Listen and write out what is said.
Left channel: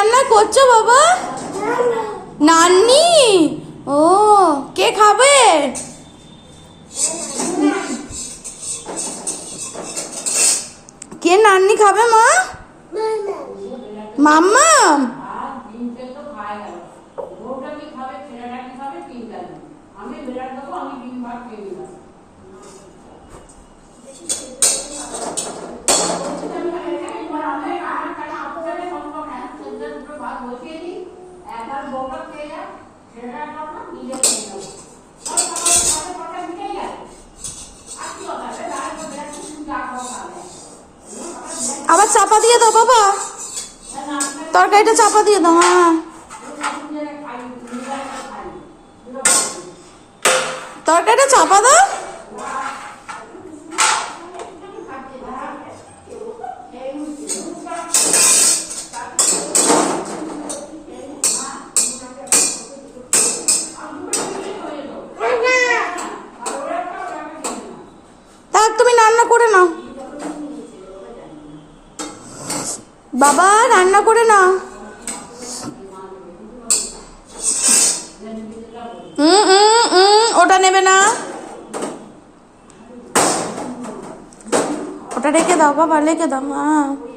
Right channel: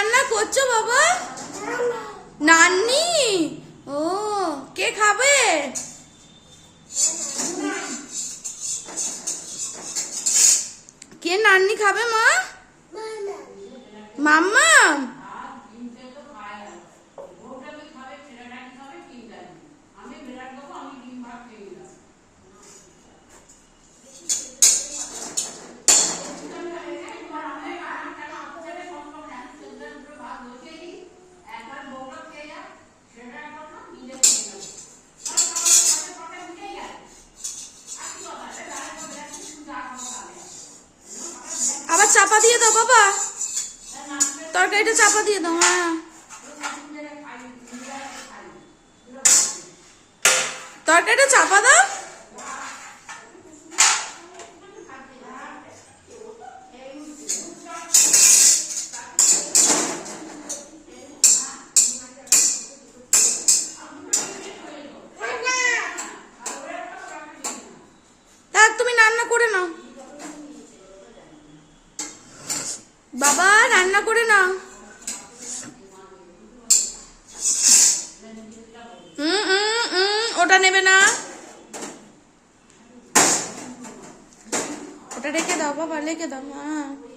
রান্না করছো বাবা? নান্নি? ও, কে খাবে? কে নান্নি খাবে মা? মাম্মা? আবার চাপা দিয়ে দাও বাবা, তরকারিটা চাপা দিয়ে দাও। হ্যাঁ, তরকারিটা চাপা দাও। থাক, তুমি রান্না করে নাও বাবা, রান্না করে নাও। ওটা নেবে না, ওটা রেখে দাও বাবা, রেখে দাও। হ্যাঁ।